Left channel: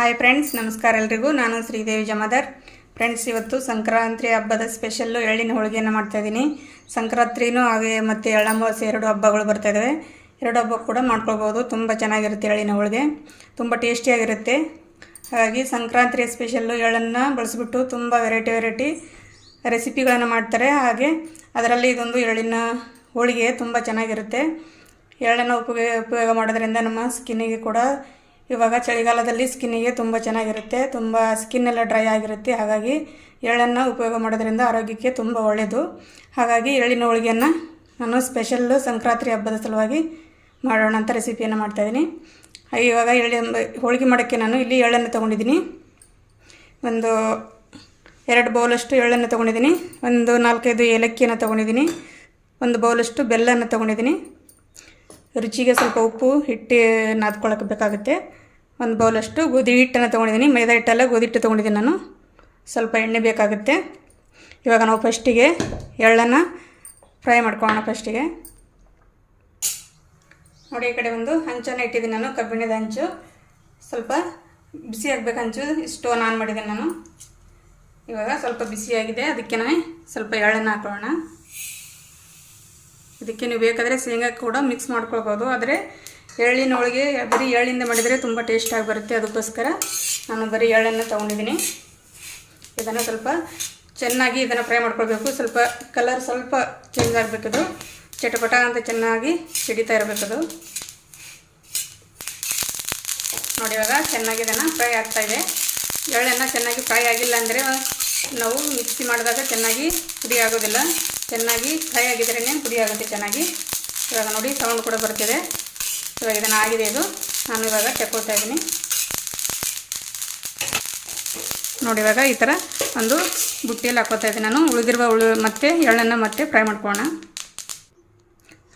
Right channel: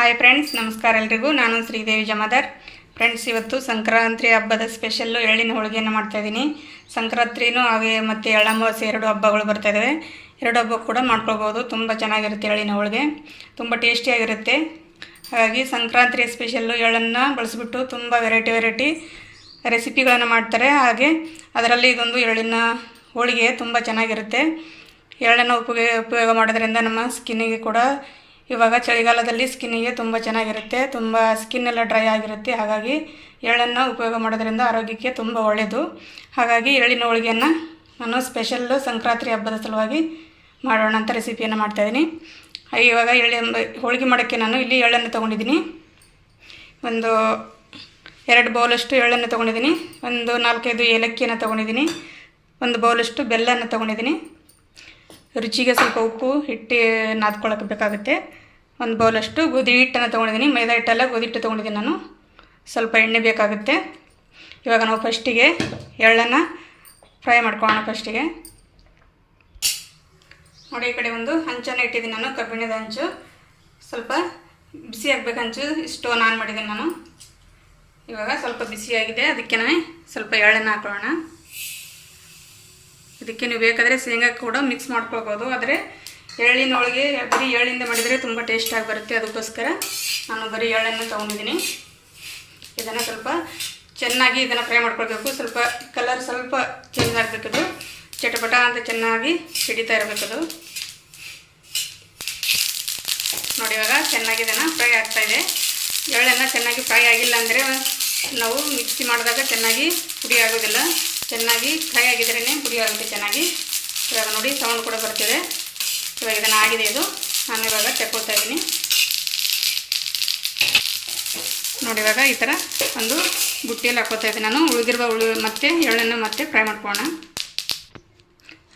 Hi friends, ನಮಸ್ಕಾರ ಎಲ್ರಿಗೂ. ನಾನು ಶ್ರೀದೇವಿ ಜಮಾದಾರ್. ಫ್ರೆಂಡ್ಸ್, ಇವತ್ತು ಸಂಕ್ರಾಂತಿ ಹಬ್ಬದ ಸ್ಪೆಷಲ್ಲು ಎಳ್ಳಿನ ಹೋಳಿಗೆಯನ್ನು ಮಾಡ್ತಾಯಿದ್ದೀನಿ. ಸಂಕ್ರಾಂತಿನೂ ಹಾಗೆ ಮತ್ತು ಎಳ್ಳಮಾವಾಸ್ಯೆ ಎರಡು ಹಬ್ಬಗಳು ಬರ್ತಾಯಿದ್ದಾವೆ. ಎರಡು ಹಬ್ಬ ಕೂಡ ಮಾಡ್ಕೊಳ್ಬೋದು. ತುಂಬ ಚೆನ್ನಾಗಿರುತ್ತೆ ಎಳ್ಳಿನ ಹೋಳಿಗೆ, ತುಂಬ ಟೇಸ್ಟಿಯಾಗಿರುತ್ತೆ. ಹಾಗಾಗಿ ಸಂಕ್ರಾಂತಿಯ ಸ್ಪೆಷಲ್ಲು ಎಳ್ಳನ್ನು ಬಳಸಿಬಿಟ್ಟು ತುಂಬ ವೆರೈಟಿ ರೆಸಿಪಿಗಳನ್ನು ಮಾಡ್ತಾರೆ. ಹಾಗೆ ಅದರಲ್ಲಿ ಇದೊಂದು ಎಳ್ಳಿನ ಹೋಳಿಗೆ ತುಂಬ ಚೆನ್ನಾಗಿರುತ್ತೆ. ಎಳ್ಳನ್ನು ಉಪಯೋಗ ಮಾಡೋದ್ರಿಂದ ನಮ್ಮ ಸ್ಕಿನ್ನಿಗೆ ಕೂಡ, ಇವಾಗ ಚಳಿಗಾಲದಲ್ಲಿ ಸ್ಕಿನ್ನಿಗೆ ತುಂಬ ಚೆನ್ನಾಗಿರುತ್ತೆ. ತುಂಬ ಸ್ಕಿನ್ನೆಲ್ಲ ಡ್ರೈ ಆಗಿರುತ್ತೆ. ಹಾಗಾಗಿ ಎಳ್ಳನ್ನು ಉಪಯೋಗ ಮಾಡೋದ್ರಿಂದ ಆರೋಗ್ಯಕ್ಕೆ ತುಂಬ ಒಳ್ಳೆಯದು. ಹಾಗಾಗಿ ಎಳ್ಳಿನ ಹೋಳಿಗೆಯನ್ನು ನಾನು ಸ್ಪೆಷಲ್ಲು ಸಂಕ್ರಾಂತಿ ಹಬ್ಬದ ಸಲುವಾಗಿ ಮಾಡೋಣ ಅಂತ ರೆಸಿಪಿಯನ್ನು ಮಾಡ್ತಾಯಿದ್ದೀನಿ. ಇವಾಗ ಹೋಳಿಗೆ ಮಾಡೋಕ್ಕೆ ನಾನು ಇಲ್ಲಿ ಎಳ್ಳನ್ನು ತೊಗೊಂಡಿದ್ದೀನಿ. ಒಂದು 2 ಬೌಲಷ್ಟು ಎಳ್ಳನ್ನು ತೊಗೊಂಡಿದ್ದೀನಿ. ಒಂದು 4-5 ಏಲಕ್ಕಿಯನ್ನು ತೊಗೊಂಡಿದ್ದೀನಿ. ಒಂದು ಬೌಲಷ್ಟು ಬೆಲ್ಲವನ್ನು ತೊಗೊಂಡಿದ್ದೀನಿ. ರುಚಿಗೆ ಸ್ವಲ್ಪ ಉಪ್ಪು, ಹಿಟ್ಟು ನಾದ್ಕೊಳ್ಳೋಕೆ ಬೇಕಾಗುತ್ತೆ. ಒಂದು ಬೌಲಷ್ಟು ಗೋಧಿ ಹಿಟ್ಟನ್ನು ತೊಗೊಂಡಿದ್ದೀನಿ. ಮೈದಾ ಹಿಟ್ಟಲ್ಲ, ಗೋಧಿ ಹಿಟ್ಟು ತೊಗೊಂಡಿದ್ದೀನಿ ನಾನು. ಸ್ವಲ್ಪ ಎಣ್ಣೆ ಬೇಕಾಗುತ್ತೆ. ಇವಾಗ ನಾವು ಫಸ್ಟಿಗೆ ಎಳ್ಳನ್ನು ಫ್ರೈ ಮಾಡ್ಕೊಳ್ಳೋಣ. ಫಸ್ಟಿಗೆ ನೋಡಿ, ಈ ಕಡೆ ಒಂದು ಹಂಚನ್ನು ಇಟ್ಟಿದ್ದೀನಿ ನಾನು, ಕಬ್ಬಿಣದ ಹಂಚು. ಸ್ವಲ್ಪ ಬಿಸಿ ಆಗಬೇಕು ಹಂಚು. ಸ್ಟೋನ್ ಆನ್ ಮಾಡಿದ್ದೀನಿ ನಾನು. ಇವಾಗ ಸ್ವಲ್ಪ ಬಿಸಿಯಾಗಿದೆ, ಅದಕ್ಕೆ ನಾನು ಸ್ವಲ್ಪ ಎಳ್ಳನ್ನು ಹಾಕೊಳ್ಳೋಣ. ಇದಕ್ಕೆ ನೀವು ಬೇಕಾದರೆ ಶೇಂಗಾ ಕೂಡ ಮಿಕ್ಸ್ ಮಾಡ್ಕೊಳ್ಬೋದು. ಆದರೆ ಎಳ್ಳಿನ ಹೋಳಿಗೆ ಬರೀ ಎಳ್ಳಿಂದ ಮಾಡಿದರೆ ತುಂಬ ಟೇಸ್ಟಾಗಿ ಬರುತ್ತೆ. ಅದಕ್ಕೋಸ್ಕರ ನಾನು ಬರೀ ಎಳ್ಳನ್ನು ತೊಗೊಂಡಿದ್ದೀನಿ. ಇದನ್ನು ಸ್ವಲ್ಪ ಚೆನ್ನಾಗಿ ಫ್ರೈ ಮಾಡ್ಕೊಳ್ಬೇಕು. ಸ್ವಲ್ಪ ಕಲರ್ ಸ್ವಲ್ಪ ಚೇಂಜ್ ಆಗಬೇಕದು. ಚಟಪಟ ಅಂತ ಚೆನ್ನಾಗಿ ಸಿಡಿತಾ ಇರಬೇಕದು. ನೋಡಿ, ಇವಾಗ ಚೆನ್ನಾಗಿ ಇದನ್ನು ಫ್ರೈ ಆಗ್ತಾಯಿದೆ. ಎಳ್ಳನ್ನು ಚೆನ್ನಾಗಿ ಫ್ರೈ ಆಗಿಲ್ಲ ಅಂದರೆ ನಾವು ಮಿಕ್ಸಿ ಮಾಡಿದಾಗ ಚೆನ್ನಾಗಿ ಪುಡಿ ಆಗೋದಿಲ್ಲ. ಚೆನ್ನಾಗಿ ಫ್ರೈ ಆಗಿದ್ರೇ ಪುಡಿ ಆಗುತ್ತೆ ಚೆನ್ನಾಗಿ. ಇವಾಗ ನೋಡಿ, ಸೌಂಡ್ ಕೂಡ ಬರ್ತಿದೆ. ಇವಾಗ ಇದನ್ನು ಆಗಿದೆ ಇದು. ನಾನು ಇವಾಗ ತೆಕ್ಕೊಳ್ತಾ ಇದ್ದೀನಿ. ನೋಡಿ, ಇವಾಗ ಈ ಥರ ಒಂದು ಬುಟ್ಟಿಯಲ್ಲಿ ಹಾಕೋತಾ ಇದ್ದೀನಿ ನಾನು. ಉಳಿದಿರುವ ಮತ್ತೆ ಎಳ್ಳನ್ನು ಮತ್ತೆ ಫ್ರೈ ಮಾಡ್ಕೊಳ್ಳೋಣ.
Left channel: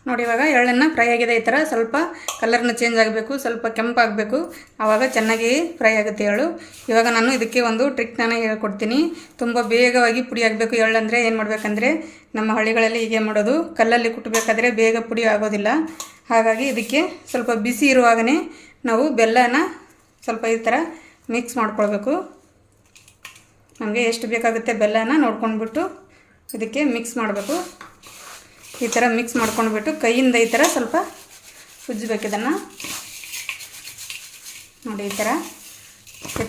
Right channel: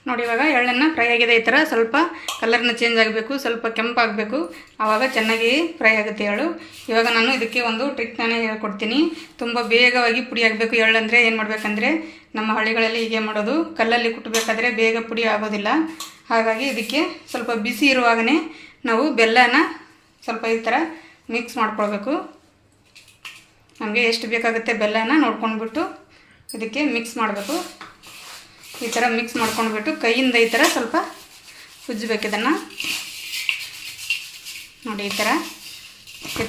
ನೋಡಿ, ಇವಾಗ ಎಳ್ಳನ್ನು ಫ್ರೈ ಆಗಿದೆ. ಈ ಥರ ಸ್ವಲ್ಪ ಕಲರ್ನ ಚೇಂಜ್ ಆಗಬೇಕು, ಸ್ವಲ್ಪ ಕೆಂಪಾಗಬೇಕು. ಆವಾಗ ಚೆನ್ನಾಗಿ ಫ್ರೈ ಆಗುತ್ತೆ ಎಳ್ಳು. ಇವಾಗ ನಾನು ಇದಕ್ಕೆ ಒಂದು ಟ್ರಿಕ್ನ ಹೇಳ್ಕೊಡ್ತೀನಿ. ತುಂಬ ಬೇಗವಾಗಿ ಪುಡಿ ಆಗಬೇಕು ಎಳ್ಳಂದರೆ ಏನು ಮಾಡಬೇಕಂದ್ರೆ, ನಮ್ಮ ಹಳ್ಳಿಗಳಲ್ಲಿ ಹೀಗೆ ಮಾಡೋದು, ಕಲ್ಲಲ್ಲಿ ಕುಟ್ಟಬೇಕಾದ್ರೆ ಬೇಗ ಪುಡಿ ಆಗೋದಿಲ್ಲ. ಹಾಗಾಗಿ ಇದಕ್ಕೆ ಸ್ವಲ್ಪ ಬಿಸಿ ಇರುವಾಗಲೇ ನಾವು ಬೆಲ್ಲನ ಸ್ವಲ್ಪ ಈ ಥರ ಮಿಕ್ಸ್ ಮಾಡ್ಕೊಳ್ಬೇಕು. ನಮಗೆ ಎಷ್ಟು ಬೇಕಾಗುತ್ತೆ ಬೆಲ್ಲನ ನೋಡ್ಕೊಂಡ್ಬಿಟ್ಟು ಇದಕ್ಕೆ ಮಿಕ್ಸ್ ಮಾಡಬೇಕು. ಈ ಥರ ಮಿಕ್ಸ್ ಮಾಡ್ಕೊಂಡ್ಬಿಟ್ಟು ಕೈಯಿಂದ ಈ ಥರ ಸ್ವಲ್ಪ ಉಜ್ಜಬೇಕು ಇದನ್ನು. ನೋಡಿ, ಈ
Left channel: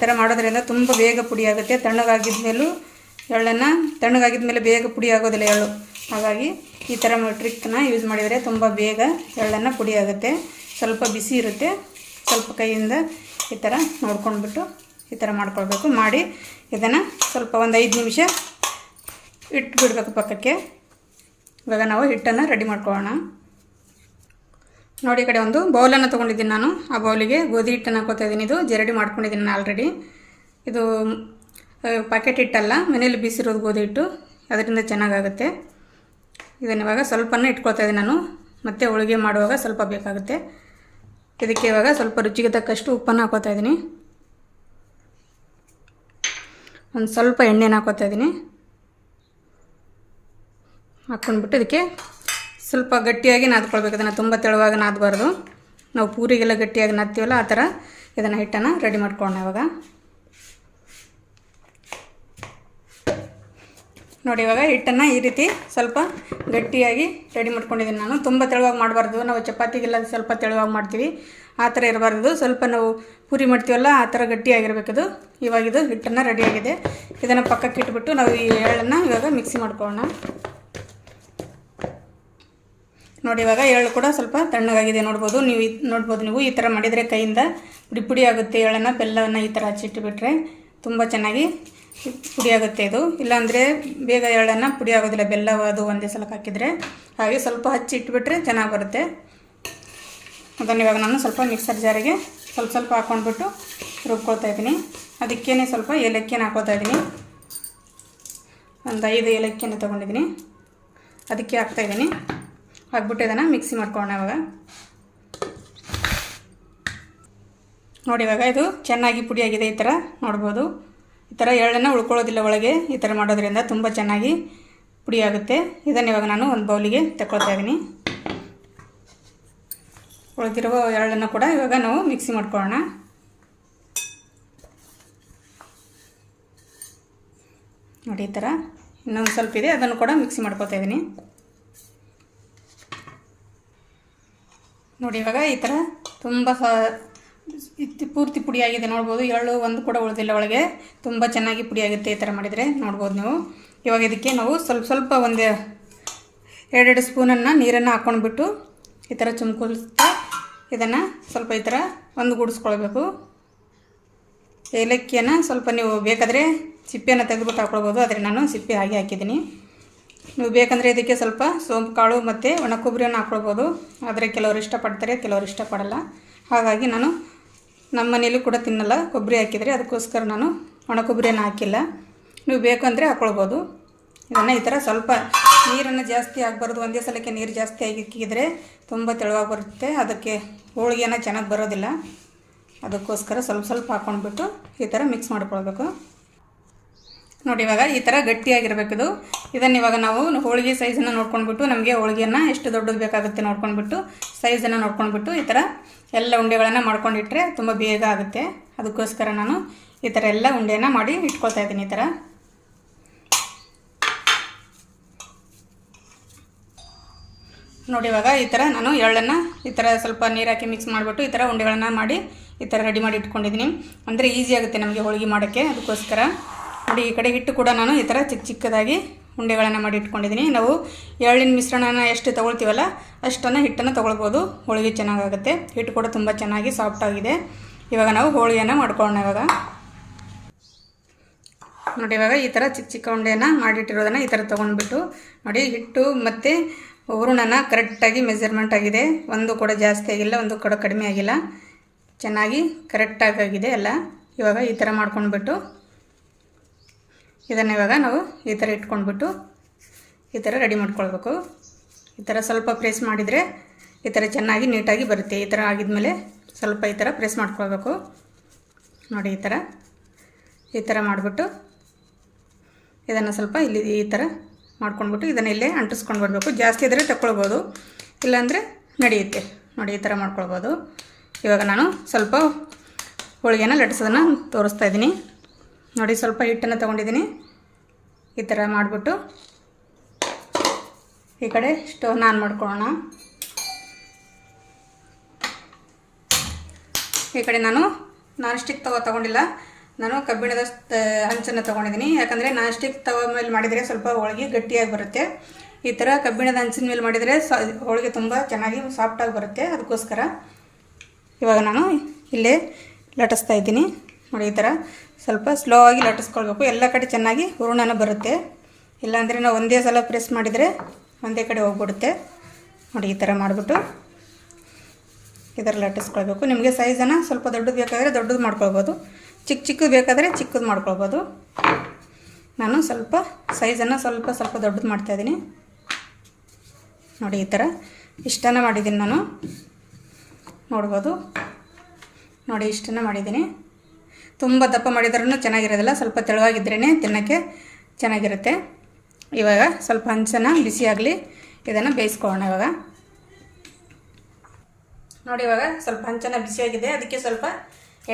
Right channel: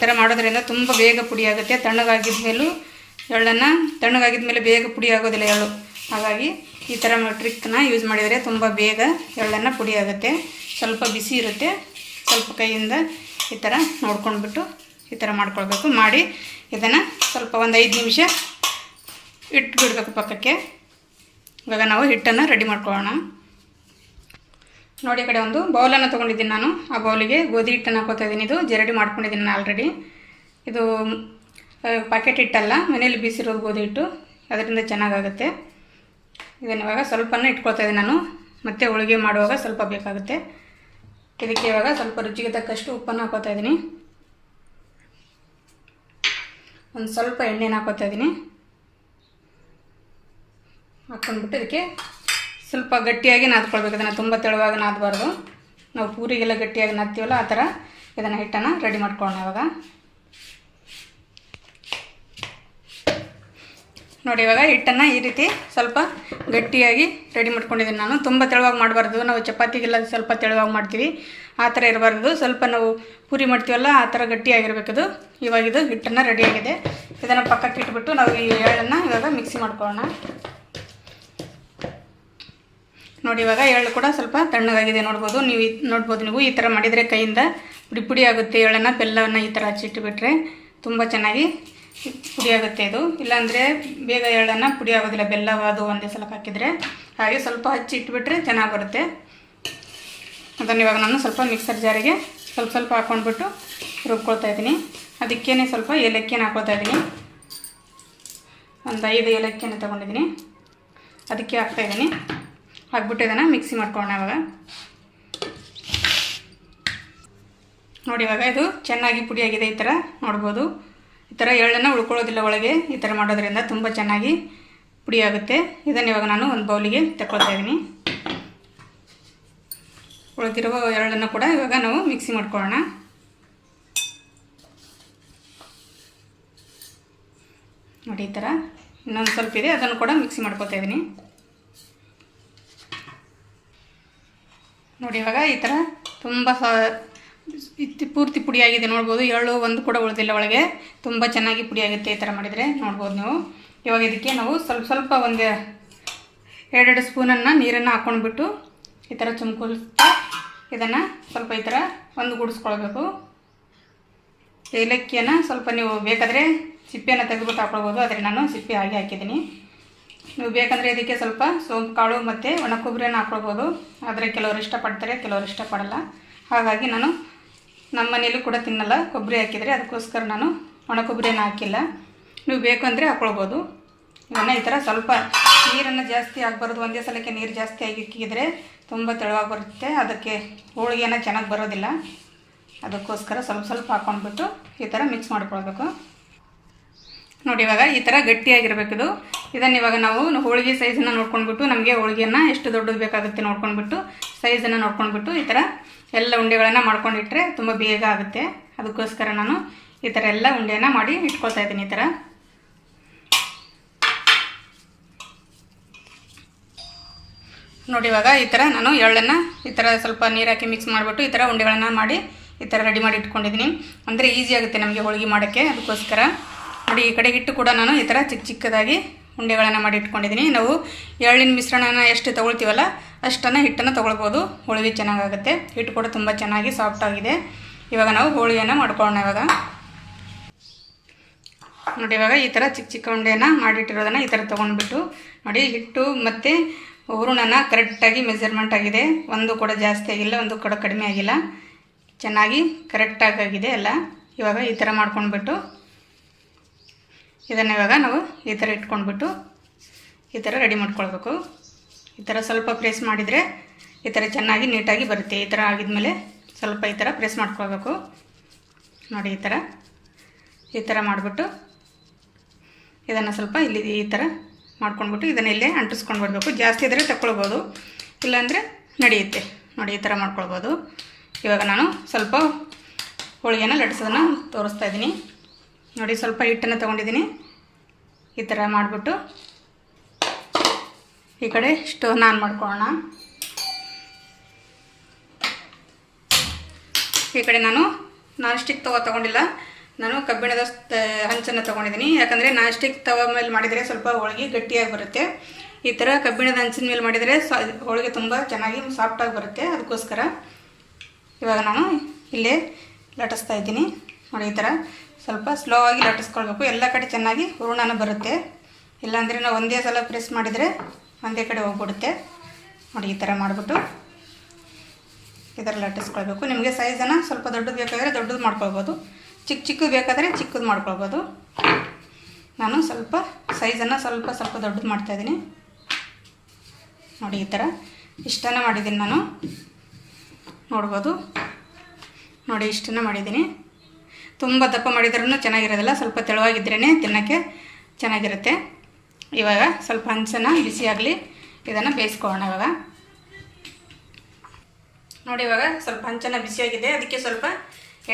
ಥರ ಮಾಡೋದ್ರಿಂದ ತುಂಬ ಬೇಗ ಪುಡಿ ಆಗುತ್ತೆ. ತಣ್ಣಗಾಗಿದ್ದ ಮೇಲೂ ಎಳ್ಳನ್ನು ತಣ್ಣಗಾಗಿದ್ದ ಮೇಲೆ ಬೇಗ ಪುಡಿ ಆಗೋದಿಲ್ಲ ಎಳ್ಳು. ಹಾಗಾಗಿ ಈ ಥರ ಟ್ರಿಕ್ನ ಯೂಸ್ ಮಾಡಿದರೆ ತುಂಬ ಬೇಗ ಎಳ್ಳನ್ನು ಪುಡಿ ಆಗುತ್ತೆ. ಸ್ವಲ್ಪ ಬಿಸಿ ಇರುತ್ತೆ. ಸ್ವಲ್ಪ ಕೈಯಿಂದ ಈ ಥರ ನೋಡ್ಕೊಂಡ್ಬಿಟ್ಟು ಈ ಥರ ಮಾಡ್ಕೊಳ್ಬೇಕು. ಮಾಡಿ ಇದನ್ನು ಸ್ವಲ್ಪ ಒಂದು 5 ನಿಮಿಷ ಇಟ್ಬಿಡ್ಬೇಕು ಪಕ್ಕಕ್ಕೆ. ಇವಾಗ ನಾವು ಹಿಟ್ಟನ್ನು ರೆಡಿ ಮಾಡ್ಕೊಳ್ಳೋಣ. ನೋಡಿ, ಈ ಕಡೆ ಒಂದು ಬೌಲನ್ನು ತೊಗೊಂಡಿದ್ದೀನಿ ನಾನು. ಆ ಬೌಲಿಗೆ ಗೋಧಿ ಹಿಟ್ಟನ್ನು ಹಾಕೋತಾ ಇದ್ದೀನಿ. ಇದು ಜರಡಿ ಮಾಡ್ಕೊಂಡಿದ್ದೀನಿ ನಾನು ಆಲ್ರೆಡಿ. ಇದು ಪ್ಯಾಕೆಟ್ ಹಿಟ್ಟಲ್ಲ, ಮನೇಲಿ ಬೀಸಿರೋದು ಗೋಧಿ ಹಿಟ್ಟು. ಅದರಿಂದ ಚೆನ್ನಾಗಾಗುತ್ತೆ. ಇದನ್ನು ಇವಾಗ ಸ್ವಲ್ಪನೇ ಇಟ್ಕೊಳ್ತಾ ಇದ್ದೀನಿ ನಾನು. ಮತ್ತು ಹೋಳಿಗೆ ಮಾಡುವಾಗ ಸ್ವಲ್ಪ ಬೇಕಾಗುತ್ತೆ. ಇದಕ್ಕೆ ಇವಾಗ ಸ್ವಲ್ಪ ರುಚಿಗೆ ತಕ್ಕಷ್ಟು ಉಪ್ಪನ್ನು ಹಾಕೋತಾ ಇದ್ದೀನಿ. ಒಂದು ಸ್ವಲ್ಪ ಎಣ್ಣೆನ ಹಾಕೋತಾ ಇದ್ದೀನಿ. ಹಾಕ್ಕೊಂಡ್ಬಿಟ್ಟು ಇದಕ್ಕೆ ಸ್ವಲ್ಪ ಗಟ್ಟಿಯಾಗಿ ನಾದ್ಕೊಳ್ಬೇಕು. ಅದನ್ನು ತುಂಬ ತೆಳುವಾಗಿ ನಾದಬಾರ್ದು. ನಾವು ಪೂರಿಗೆಲ್ಲ ಗಟ್ಟಿಯಾಗಿ ನಾದ್ತೀವಲ್ಲ, ಆ ಥರ ಇದನ್ನು ಹಿಟ್ಟನ್ನು ರೆಡಿ ಮಾಡ್ಕೊಳ್ಳೋಣ ಇವಾಗ. ನೋಡಿ, ಇವಾಗ ಹಿಟ್ಟನ್ನು ಈ ರೀತಿ ಸ್ವಲ್ಪ ಗಟ್ಟಿಯಾಗಿ ರೆಡಿ ಮಾಡ್ಕೊಂಡಿದ್ದೀನಿ ನಾನು. ತುಂಬ ತೆಳುವಾಗಿ ಮಾಡಬಾರ್ದು. ನಾವು ಚಪಾತಿಗೆಲ್ಲ ಸ್ವಲ್ಪ ತೆಳುವಾಗಿ ಮಾಡ್ತೀವಿ, ಆ ಥರ ಇರಬಾರ್ದು. ಸ್ವಲ್ಪ ನಾವು ಪೂರಿ ಮಾಡ್ತೀವಲ್ಲ, ಆ ಥರ ಗಟ್ಟಿಯಾಗಿರಬೇಕದು. ಇವಾಗ ಇದು ಹಿಟ್ಟನ್ನು ರೆಡಿಯಾಗಿದೆ. ಇದನ್ನು ಪಕ್ಕಕ್ಕೆ ಇಟ್ಬಿಟ್ಟು ನಾವು ಈ ಎಳ್ಳನ್ನು ಇವಾಗ ಮಿಕ್ಸಿ ಮಾಡ್ಕೊಳ್ಳೋಣ. ನೋಡಿ, ಇವಾಗ ಎಳ್ಳು ಕೂಡ ಸ್ವಲ್ಪ ತಣ್ಣಗಾಗಿದೆ. ನೋಡ್ಬೋದು ನೀವು ಈ ಥರ ಮಾಡಿದರೆ ಕೈಯಿಂದ ಪುಡಿ ಆಗುತ್ತೆ. ಎಳ್ಳನ್ನು ಬೆಲ್ಲವನ್ನು ಈ ಥರ ಹಚ್ಚಿಟ್ಟುಬಿಟ್ರೆ ತುಂಬ ಚೆನ್ನಾಗಿ ಪುಡಿ ಆಗುತ್ತೆ ಇದು. ಇಲ್ಲಾಂದರೆ ಬೇಗ ಎಳ್ಳನ್ನು ಪುಡಿ ಆಗೋದಿಲ್ಲ, ಬೆಲ್ಲ ಅದು ಒಂದೇ ಸಲ ಹಾಕಿದರೆ. ಹಾಗೆ ಸ್ವಲ್ಪ ಹಚ್ಚಿ ಇಟ್ಬಿಟ್ರೆ ಚೆನ್ನಾಗಿ ಬರುತ್ತೆ. ಅದನ್ನು ಇವಾಗ ನಾನು ಸ್ವಲ್ಪ ಮಿಕ್ಸರ್ ಜಾರಿಗೆ ಸ್ವಲ್ಪ ಹಾಕ್ಕೊಂಡ್ಬಿಟ್ಟು ರುಬ್ಕೊಳ್ತಾ ಇದ್ದೀನಿ. ಅದಕ್ಕೇ ಸ್ವಲ್ಪ ಏಲಕ್ಕಿಯನ್ನು ಹಾಕ್ಕೊಳ್ತಾ ಇದ್ದೀನಿ. ಒಂದು 5 ಏಲಕ್ಕಿಯನ್ನು ತೊಗೊಂಡಿದ್ದೀನಿ. ಅದಕ್ಕೆ ಹಾಕ್ತಾಯಿದ್ದೀನಿ. ಹಾಕ್ಬಿಟ್ಟು ಇದನ್ನು ಮಿಕ್ಸಿ ಮಾಡ್ಕೊಳ್ಳೋಣ ಇವಾಗ. ನೋಡಿ, ಇವಾಗ ಇದು ಚೆನ್ನಾಗಿ ಪುಡಿಯಾಗಿದೆ. ಈ ಥರ ನೋಡ್ಬೋದು. ಈ ಥರ ಎಳ್ಳನ್ನು ಉಳ್ಕೊಳ್ಳೋದಿಲ್ಲ ಒಳಗೆ. ಈ ಥರ ಮಾಡೋದ್ರಿಂದ ತುಂಬ ಚೆನ್ನಾಗಿ ಪುಡಿ ಆಗುತ್ತೆ. ಇದನ್ನು ಇವಾಗ ನಾನು ಒಂದು ಬೌಲಿಗೆ ತಗೊಳ್ತಾ ಇದ್ದೀನಿ. ಉಳಿದಿರುವ ಎಳ್ಳನ್ನು ಕೂಡ ಇವಾಗ ನಾವು ಮಿಕ್ಸಿ ಮಾಡ್ಕೊಳ್ಳೋಣ. ನೋಡಿ ಈ ಥರ ಇನ್ನೊಂದು ಸ್ವಲ್ಪ ಇದೆ, ಅದನ್ನು ಕೂಡ ಮಿಕ್ಸಿ ಮಾಡ್ಕೊತಾ ಇದ್ದೀನಿ. ನೋಡಿ ಇವಾಗ ಈ ಥರ ತುಂಬ ಪೂರ್ತಿ ಪುಡಿಯಾಗಿದೆ ನೋಡ್ಬೋದು. ಎಳ್ಳು ಒಂದು ಕೂಡ ಉಳಿದಿಲ್ಲ ಒಳಗೆ, ತುಂಬ ಚೆನ್ನಾಗಿ ಪುಡಿಯಾಗುತ್ತೆ ಈ ಥರ ಮಾಡಿದರೆ ನೋಡ್ಬೋದು ನೀವು. ಇವಾಗ ಇದಕ್ಕೆ ನಾವು ಸ್ವಲ್ಪ ಒಂದು 2 ಸ್ಪೂನನ್ನು ನೀರನ್ನು ಹಾಕ್ಕೊಂಡ್ಬಿಟ್ಟು ಈ ಥರ ಚುಮ್ಕೊಳ್ತಾ ಇದನ್ನು ಸ್ವಲ್ಪ ಈ ಥರ ಒಂದುಗೂಡಿಸ್ಕೊಳ್ಬೇಕು. ಏಲಕ್ಕಿಯನ್ನು ಸ್ವಲ್ಪ ನೀವು ಬೇಕಾದರೆ ಸಿಪ್ಪೆಯನ್ನು ತೆಗೆದುಬಿಟ್ಟು ಹಾಕ್ಕೊಳ್ಬೋದು, ಆದರೆ ನಾನು ಸಿಪ್ಪೆ ಹಾಕಿದ್ದೀನಿ. ನೀವು ಬೇಕಂದರೆ ಇದಕ್ಕೆ ಸ್ವಲ್ಪ ಸೋಂಪು ಕಾಳು ಮತ್ತು ಒಣ ಕೊಬ್ಬರಿಯನ್ನು ಹಾಕ್ಕೊಳ್ಬೋದು. ಆದರೆ ಕೆಲವರು ಇಷ್ಟಪಡ್ತಾರೆ, ಕೆಲವರು ಇಷ್ಟಪಡಲ್ಲ. ಹಾಗಾಗಿ ನಾನು ನಮ್ಮ ಮನೇಲಿ ಕೂಡ ತಿನ್ನಲ್ಲ ಕೊಬ್ಬರಿ ಹಾಕಿದರೆ, ಅದಕ್ಕೋಸ್ಕರ ನಾನು ಒಣ ಕೊಬ್ಬರಿಯನ್ನು ಹಾಕಿಲ್ಲ. ನೀವು ಬೇಕು ಅಂದರೆ ಹಾಕ್ಕೊಳ್ಬೋದು. ಇದನ್ನು ಈ ಥರ ಸ್ವಲ್ಪ ನೀರನ್ನು ಜಾಸ್ತಿ ಆಗಬಾರ್ದು, ಒಂದೇ ಸಲಕ್ಕೆ ನೀರು ಜಾಸ್ತಿ ಆಗಿಕ್ಕಿದ್ರೆ ತುಂಬ ತೆಳುವಾಗಿ ಬರುತ್ತೆ, ಅದಕ್ಕೆ ಹೋಳಿಗೆನ ಚೆನ್ನಾಗಿ ಬರೋದಿಲ್ಲ. ಅದಕ್ಕೋಸ್ಕರ ಸ್ವಲ್ಪ ಹಾಕ್ಕೊಂಡ್ಬಿಟ್ಟು ಈ ಥರ ಮಿಕ್ಸ್ ಮಾಡ್ಕೊಳ್ಬೇಕು. ನೋಡಿ ಇವಾಗ ಈ ಥರ ಗಟ್ಟಿಯಾಗಿರಬೇಕಿದು. ಇದನ್ನು ಇವಾಗ ನಾವು ಹೋಳಿಗೆ ಸೈಜನ್ನು ನೋಡ್ಕೊಂಡ್ಬಿಟ್ಟು, ನಮಗೆ ಹೋಳಿಗೆಯನ್ನು ಎಷ್ಟು ದೊಡ್ಡದು ಬೇಕಾಗುತ್ತೆ ನೋಡ್ಕೊಂಡ್ಬಿಟ್ಟು ಸೈಜನ್ನು ನೋಡ್ಕೊಂಡ್ಬಿಟ್ಟು ಈ ಥರ ಎಲ್ಲ ಉಂಡೆಗಳನ್ನು ಮಾಡ್ಕೊಂಡಿಟ್ರೆ ತುಂಬ ಬೇಗ ಆಗುತ್ತೆ. ಅದಕ್ಕೋಸ್ಕರ ನಾನು ಈ ಥರ ಎಲ್ಲ ಉಂಡೆಯನ್ನು ಮಾಡಿ ಇಟ್ಕೊಳ್ತಾ ಇದ್ದೀನಿ. ಈ ಥರ ನೋಡಿ ಇವಾಗ ಈ ಥರ ನಾನು ಎಳ್ಳನ್ನು ಈ ಥರ ಸ್ವಲ್ಪ ನೀರು ಹಾಕಿ ಮಿಕ್ಸ್ ಮಾಡಿಬಿಟ್ಟು ಈ ಥರ ಉಂಡೆಗಳನ್ನು ಮಾಡಿ ಈ ಥರ ರೆಡಿ ಮಾಡಿ ಇಟ್ಕೊಂಡಿದ್ದೀನಿ. ಅಂದರೆ ಈಸಿ ಆಗುತ್ತೆ ನಮಗೆ ಹೋಳಿಗೆ ಮಾಡೋಕ್ಕೆ. ಅದಕ್ಕೋಸ್ಕರ ನೋಡಿ ಈ ಕಡೆ ಹಿಟ್ಟು ಕೂಡ ನಾನು ಈ ಥರ ಚಿಕ್ಕದಾಗಿ ಉಂಡೆಗಳನ್ನು ಮಾಡಿ ಇಟ್ಕೊಂಡಿದ್ದೀನಿ. ನಾವು ಎಳ್ಳಿನ ಮಿಶ್ರಣನ ಎಷ್ಟು ತೊಗೊಳ್ತೀವಲ್ಲ ಅಷ್ಟನ್ನು ಹಿಟ್ಟನ್ನು ತೊಗೊಳ್ಬೋದು, ಹೋಳಿಗೆ ಚೆನ್ನಾಗಾಗುತ್ತೆ. ಹಿಟ್ಟು ಕೂಡ ತುಂಬ ಚೆನ್ನಾಗಿ ಸಾಫ್ಟಾಗಿದೆ. ಇವಾಗ ನಾವು ಹೋಳಿಗೆಯನ್ನು ಮಾಡ್ಕೊಳ್ಳೋಣ. ಇವಾಗ ನೋಡಿ ಇವಾಗ ಈ ಥರ ಚಿಕ್ಕ ಉಂಡೆಯನ್ನು ಮಾಡಿಟ್ಟಿರೋದನ್ನು ಈ ಥರ ತೊಗೊಂಡ್ಬಿಟ್ಟು ನೋಡಿ ಹಿಟ್ಟು ಮತ್ತು ಹೂರಣನ ಕರೆಕ್ಟಾಗಿ ಮೆಜರ್ಮೆಂಟ್ ಆಗಿದೆ. ಒಂದು ಕೂಡ ಜಾಸ್ತಿ ಆಗಿಲ್ಲ, ಒಂದು ಕೂಡ ಕಡಿಮೆ ಆಗಿಲ್ಲ, ಚೆನ್ನಾಗಿ ಕರೆಕ್ಟಾಗಿ ಆಗಿದೆ ಎಲ್ಲ. ಇವಾಗ ಈ ಥರ ಮಾಡ್ಕೊಂಡ್ಬಿಟ್ಟು ಇದನ್ನು ಇವಾಗ ನಾವು ಈ ಥರ ಇಟ್ಕೊಂಡ್ಬಿಟ್ಟು ಈ ಥರ ರೆಡಿ ಮಾಡ್ಕೊಳ್ಬೇಕು. ಈ ಥರ ಸ್ವಲ್ಪ ಪ್ರೆಸ್ ಮಾಡಿದರೆ ಈ ಥರ ಚೆನ್ನಾಗಿ ನೀಟಾಗಿ ಬರುತ್ತೆ. ಈ ಥರ ಆಗಿದ್ಮೇಲೆ ಸ್ವಲ್ಪ ಈ ಥರ ಪ್ರೆಸ್ ಮಾಡ್ಕೊಳ್ಬೇಕು. ನೋಡಿ ಈ ಥರ ಮಾಡಿಬಿಟ್ಟು ಇದನ್ನು ಸ್ವಲ್ಪ ಇಲ್ಲಿ ಈ ಥರ ಮಾಡ್ಕೊಂಡ್ಬಿಟ್ಟು ಇದನ್ನು ಇಲ್ಲೇ ಅಂಟಿಸ್ಕೊಂಡು ಬಿಡಬೇಕು. ಜಾಸ್ತಿ ಇದ್ದರೆ ತಗೊಳ್ಬೋದು, ಇಲ್ಲಾಂದರೆ ನಡೆಯುತ್ತೆ. ನೋಡಿ ಈ ಥರ ಮಾಡ್ಕೊಳ್ಬೋದು. ಇವಾಗ ನಾನು ಸ್ವಲ್ಪ ಹೋಳಿಗೆನ ಲಟ್ಟಿಸೋದನ್ನು ತೋರಿಸ್ತಾ ಇದ್ದೀನಿ. ನೋಡಿ ಸ್ವಲ್ಪ ಹಿಟ್ಟನ್ನು ತೊಗೊಂಡಿದ್ದೀನಿ. ಈ ಥರ ಮಾಡಿಬಿಟ್ಟು ಈ ಕಡೆ ಸ್ಟೋವ್ನ ಆನ್ ಮಾಡ್ಕೊಳ್ಳೋಣ. ಈ ಕಡೆ ನಾನು ನಾನ್ ಸ್ಟಿಕ್ ತವ ತೊಗೊಂಡಿಲ್ಲ, ನಾನು ಕಬ್ಬಿಣದ ಹಂಚನ್ನು ತೊಗೊಂಡಿದ್ದೀನಿ. ಯಾಕಂದರೆ ನಾನ್ ಸ್ಟಿಕ್ ತವ ಮೇಲೆ ಮಾಡಿದರೆ ಸ್ವಲ್ಪ ಹೋಳಿಗೆ ಗಟ್ಟಿಯಾಗಿ ಬರುತ್ತೆ. ಈ ಥರ ಕಬ್ಬಿಣದ ಹಂಚಿನ ಮೇಲೆ ಮಾಡಿದರೆ ಹೋಳಿಗೆ ತುಂಬ ಚೆನ್ನಾಗಿ ಸಾಫ್ಟಾಗಿ ಬರುತ್ತೆ. ಅದಕ್ಕೋಸ್ಕರ ಇವಾಗ ನಾನು ಇಲ್ಲೇ ಲಟ್ಟಿಸ್ತಾ ಇದ್ದೀನಿ. ನೋಡಿ ಈ ಥರ ಸ್ವಲ್ಪ ಸ್ಲೋ ಆಗಿ ಲಟ್ಟಿಸ್ಕೊಳ್ಬೇಕು. ಎಲ್ಲ ಕಡೆ ಚೆನ್ನಾಗಿ ಹೂರಣನ ಬರುತ್ತೆ, ಇಲ್ಲಾಂದರೆ ನಾವು ಒಂದೇ ಸಲ ಪ್ರೆಸ್ ಮಾಡಿದರೆ ಒಂದೇ ಕಡೆ ಹೋಗ್ಬಿಡುತ್ತೆ. ನೋಡಿ ಈ ಥರ ಮಾಡಿಬಿಟ್ಟು ಈ ಥರ ಲಟ್ಟಿಸ್ಕೊಳ್ಬೇಕು. ನಿಮಗೆ ಸೈಜನ್ನು ಸ್ವಲ್ಪ ದೊಡ್ಡದು ಬೇಕಾದರೆ ದೊಡ್ಡದು ಮಾಡ್ಕೊಳ್ಬೋದು, ಚಿಕ್ಕದು ಬೇಕಾದರೆ ಚಿಕ್ಕದು ಮಾಡ್ಕೊಳ್ಬೋದು. ನಾನು ಸ್ವಲ್ಪ ಸೈಜನ್ನು ಸ್ವಲ್ಪ ದೊಡ್ಡದು ಮಾಡ್ತಾಯಿದ್ದೀನಿ. ನೋಡಿ ಈ ಥರ ಇಷ್ಟನ್ನು ಮಾಡಿದ್ದೀನಿ ನಾನು, ನೋಡ್ಬೋದು. ನೋಡಿ ಇಷ್ಟನ್ನು ಮಾಡಿದ್ದೀನಿ. ತುಂಬ ದಪ್ಪ ಮಾಡಿದ್ರೂ ಚೆನ್ನಾಗಿರೋದಿಲ್ಲ, ಸ್ವಲ್ಪ ತೆಳುವಾಗಿದ್ರೇ ತಿನ್ನೋಕ್ಕೆ ಚೆನ್ನಾಗಿರುತ್ತೆ. ಇವಾಗ ಸ್ವಲ್ಪ ಹಂಚನ್ನು ಬಿಸಿಯಾಗಲಿ, ಇದನ್ನು ಬೇಯಿಸ್ಕೊಳ್ಳೋಣ. ಇವಾಗ ನೋಡಿ ಇವಾಗ ಸ್ವಲ್ಪ ಹಂಚನ್ನು ಬಿಸಿಯಾಗಿದೆ, ಅದಕ್ಕೆ ಸ್ವಲ್ಪ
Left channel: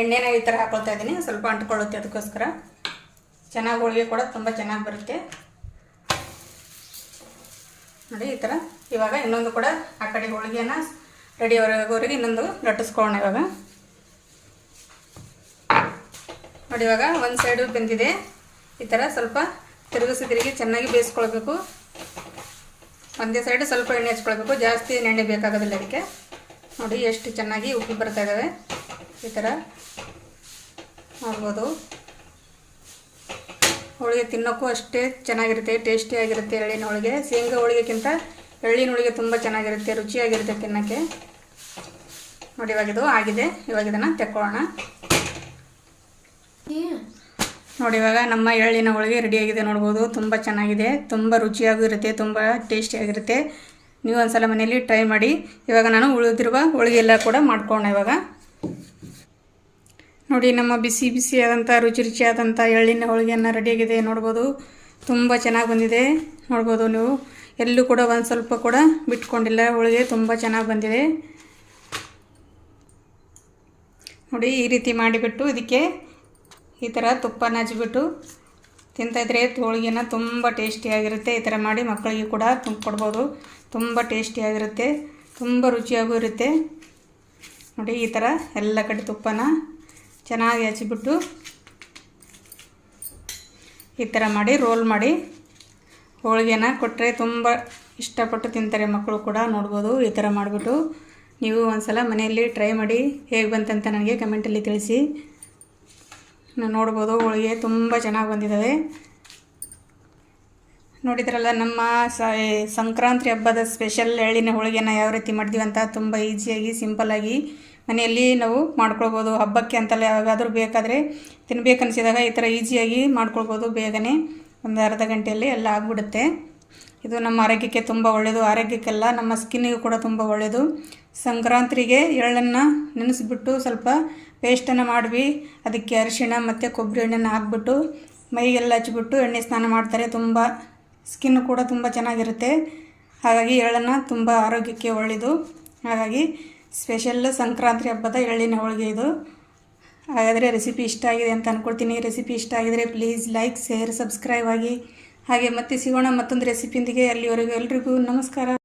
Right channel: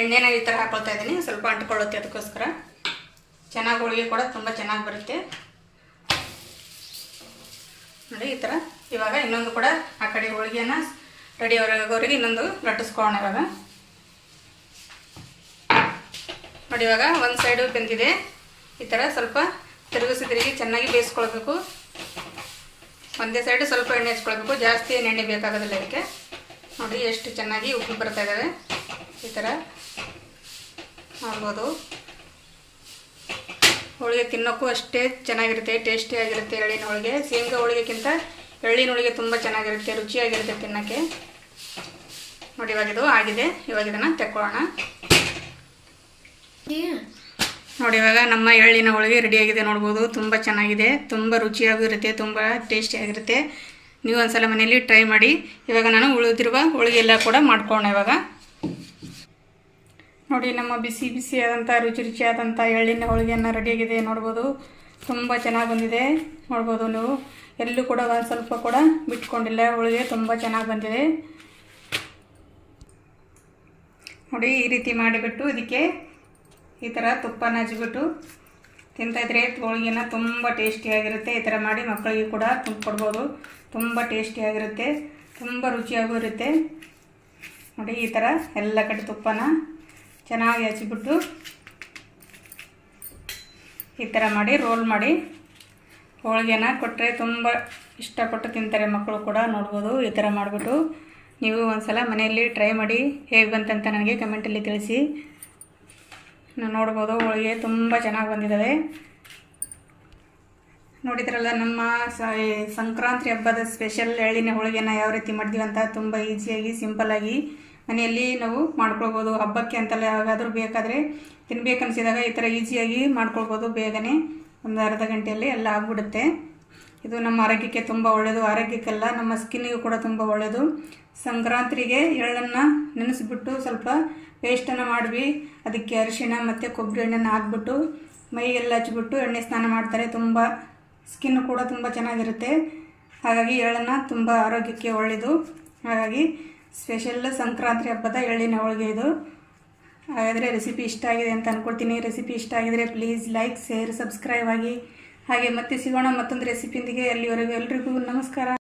ಎಣ್ಣೆನ ಈ ಥರ ಹಾಕ್ಕೊಳ್ತಾ ಇದ್ದೀನಿ. ಸ್ವಲ್ಪ ಅಂಟ್ಕೊಳ್ಳುತ್ತೆ, ಅದಕ್ಕೋಸ್ಕರ ಚೆನ್ನಾಗಿ ಹೋಳಿಗೆ ಕೂಡ ತುಂಬ ಚೆನ್ನಾಗಿ ಬರುತ್ತೆ. ನೋಡಿ ಈ ಥರ ಇವಾಗ ಇನ್ನೊಂದು ಕೂಡ ಆ ಕಡೆ ಹೋಳಿಗೆನ ರೆಡಿ ಆಗೋವರೆಗೆ ಇನ್ನೊಂದು ಲಟ್ಟಿಸ್ಕೊಳ್ಳೋಣ. ಇವಾಗ ನೋಡಿ ಇವಾಗ ಒಂದು ಸೈಡು ಬೆಂದಿದೆ. ಈ ಥರ ಸ್ವಲ್ಪ ತಿರುಗಿ ಚೆನ್ನಾಗಿ ಬೇಯಿಸ್ಕೊಳ್ಬೇಕು. ಒಂದೇ ಸೈಡು ಸ್ವಲ್ಪ ಎಣ್ಣೆ ಹಚ್ಕೊಳ್ಬೇಕು, ಜಾಸ್ತಿ ಎಣ್ಣೆ ಬೇಕಾಗೋದಿಲ್ಲ ಅದಕ್ಕೆ. ನೋಡಿ ಎಷ್ಟು ಚೆನ್ನಾಗಿ ಉಪ್ಪು ಬರ್ತಾ ಇದ್ದಾವೆ. ಈ ಥರ ಮಾಡ್ಬೋದು. ಹೋಳಿಗೆ ತಿನ್ನೋಕ್ಕೂ ಅಷ್ಟೇ ಚೆನ್ನಾಗಿರುತ್ತೆ, ಟೇಸ್ಟಿಯಾಗಿರುತ್ತೆ. ಎಳ್ಳಿನ ಹೋಳಿಗೆ ಶೇಂಗಾ ಹೋಳಿಗೆಗಿಂತ ಎಳ್ಳಿನ ಹೋಳಿಗೆ ತುಂಬ ಚೆನ್ನಾಗಿರುತ್ತೆ, ರುಚಿಯಾಗಿರುತ್ತೆ ತಿನ್ನೋಕ್ಕೆ. ನೋಡಿ ಇವಾಗ ಇದು ಆಗಿದೆ. ಇವಾಗ ಇದನ್ನು ತೆಕ್ಕೊಳ್ಳೋಣ. ನೋಡಿ ಇವಾಗ ನಮ್ಮ ಎಳ್ಳಿನ ಹೋಳಿಗೆ ರೆಡಿಯಾಗಿದೆ, ನೋಡ್ಬೋದು. ತುಂಬ ಚೆನ್ನಾಗಿದೆ, ತುಂಬ ರುಚಿಯಾಗೂ ಇರುತ್ತೆ, ತುಂಬ ಟೇಸ್ಟಿಯಾಗಿರುತ್ತೆ. ನೀವು ಒಂದ್ಸಲ ಮನೆಯಲ್ಲಿ ಟ್ರೈ ಮಾಡಿ. ಇವಾಗ ನಾನು ಉಳಿದಿರುವ ಹೋಳಿಗೆ ಎಲ್ಲ ಕೂಡ ಮಾಡ್ಕೊಳ್ಳೋಣ. ಇವಾಗ ನೋಡಿ ನಮ್ಮ ಬಿಸಿಯಾದಂಥ ರುಚಿಯಾದಂಥ ಎಳ್ಳಿನ ಹೋಳಿಗೆಯನ್ನು ರೆಡಿಯಾಗಿದೆ, ನೋಡ್ಬೋದು. ತುಂಬ ಚೆನ್ನಾಗಿ ಬಂದಿದೆ, ನೋಡ್ಬೋದು ನೀವು. ಎಲ್ಲೂ ಕೂಡ ಒಂದು ಸ್ವಲ್ಪ ಕೂಡ ಬಿಟ್ಕೊಂಡಿಲ್ಲ, ಹೋಳಿಗೆ ತುಂಬ ಚೆನ್ನಾಗಿ ಬಂದಿದೆ. ನೋಡಿ ಈ ರೀತಿ ಮಾಡಿಬಿಟ್ಟು ಇದಕ್ಕೆ ಈ ಥರ ತುಪ್ಪನ ಹಚ್ಚಿಬಿಟ್ಟು ತಿಂತಾಯಿದ್ರೆ ಹೋಳಿಗೆನ ತುಂಬ ಟೇಸ್ಟಿಯಾಗಿರುತ್ತೆ. ಈ ಥರ ಮಾಡಿ ಮಕ್ಕಳಿಗೆ ಕೂಡ ಕೊಡ್ಬೋದು. ತುಂಬ ಟೇಸ್ಟಿಯಾಗಿರುತ್ತೆ, ತುಂಬ ರುಚಿಯಾಗೂ ಇರುತ್ತೆ. ನೋಡಿ ಈ ಥರ ಎಲ್ಲ ಕಡೆ ತುಪ್ಪನ ಚೆನ್ನಾಗಿ ಹಚ್ಚಿಬಿಟ್ಟು ಈ ಥರ ಮಾಡಿ ರೋಲ್ ಮಾಡಿ ಹೋಳಿಗೆನ ಕೊಟ್ಟರೆ ತುಂಬ ಇಷ್ಟಪಟ್ಟು ತಿಂತಾರೆ ಮಕ್ಕಳು ಕೂಡ. ನೋಡ್ಬೋದು ಈ ಥರ ಮಾಡಿಬಿಟ್ಟು ನೀವು ಒಂದ್ಸಲ ಮನೆಯಲ್ಲಿ ಟ್ರೈ ಮಾಡಿ ಹೇಗೆ ಬಂತಂತ ನನಗೆ ಕಮೆಂಟಲ್ಲಿ ತಿಳಿಸಿ. ನೋಡ್ಬೋದು ಹೋಳಿಗೆ ತುಂಬ ಚೆನ್ನಾಗಿ ಬಂದಿದ್ದಾವೆ. ನೋಡಿದ್ರಲ್ಲ ನಮ್ಮ ಸಂಕ್ರಾಂತಿ ಹಬ್ಬದ ಸ್ಪೆಷಲ್ ಎಳ್ಳಿನ ಹೋಳಿಗೆನ ಯಾವ ರೀತಿ ಮಾಡಿದ್ವಿ ಅಂತ. ತುಂಬ ಈಸಿಯಾಗಿ ಸಿಂಪಲ್ಲಾಗಿ ಮನೆಯಲ್ಲಿ ನಾವು ಮಾಡ್ಕೊಳ್ಬೋದು. ಹಬ್ಬಕ್ಕೆ ಅಂತಲ್ಲ, ಯಾವಾಗಾದರೂ ಬೇಕಾದರೆ ತಿನ್ಬೇಕನ್ಸಿದಾಗ ಈ ಥರ ಈಸಿಯಾಗಿ ಮಾಡ್ಕೊಳ್ಬೋದು. ಬೇಗನೆ ಒಂದು ಅರ್ಧ ಗಂಟೆಯಲ್ಲಿ ಎಲ್ಲ ಆಗಿಬಿಡುತ್ತೆ. ಇದು ನಮ್ಮ ಆರೋಗ್ಯಕ್ಕೆ ತುಂಬ ಒಳ್ಳೆಯದು. ಆರೋಗ್ಯಕ್ಕೆಲ್ಲ ನಮ್ಮ ಸ್ಕಿನ್ನಿಗೂ ಕೂಡ ತುಂಬ ಒಳ್ಳೆಯದು. ಸಂಕ್ರಾಂತಿಗೆ ಎಳ್ಳನ್ನು ನೆನೆಸ್ಬಿಟ್ಟು ಸ್ವಲ್ಪ ಪೇಸ್ಟನ್ನು ಮಾಡಿ ಅದಕ್ಕೆ ಅರಿಶಿಣ ಮತ್ತು ಕೊಬ್ಬರಿ ಎಣ್ಣೆನ ಹಾಕ್ಬಿಟ್ಟು ಮೈಗೆಲ್ಲ ಹಚ್ಬಿಟ್ಟು ಎಣ್ಣೆ ಸ್ನಾನ ಮಾಡ್ತಾರೆ. ತುಂಬ ಸ್ಕಿನ್ ಕೂಡ ತುಂಬ ಚೆನ್ನಾಗಿರುತ್ತೆ. ಹಾಗಾಗಿ ಎಳ್ಳನ್ನು ತುಂಬ ಆರೋಗ್ಯಕ್ಕೆ ಒಳ್ಳೆಯದು. ಹಾಗಾಗಿ ಸ್ಪೆಷಲ್ ಸಂಕ್ರಾಂತಿ ಹಬ್ಬದ ಎಳ್ಳಿನ ಹೋಳಿಗೆ ಇದು. ಹಾಗಾದರೆ ರೆಸಿಪಿ ಇಷ್ಟ ಆಗಿದೆ ಅಂತ ಅಂದ್ಕೊಳ್ತೀನಿ. ರೆಸಿಪಿ ಇಷ್ಟ ಆಗಿದರೆ ಪ್ಲೀಸ್ ಲೈಕ್, ಶೇರ್, ಸಬ್ಸ್ಕ್ರೈಬ್ ಆಗಿ. ಹಾಗೆ ಮತ್ತೆ ಸಿಗೋಣ ಮತ್ತೊಂದು ರೆಸಿಪಿಯೊಂದಿಗೆ. ಅಲ್ಲಿವರೆಗೂ ಎಲ್ರಿಗೂ ನಮಸ್ಕಾರ.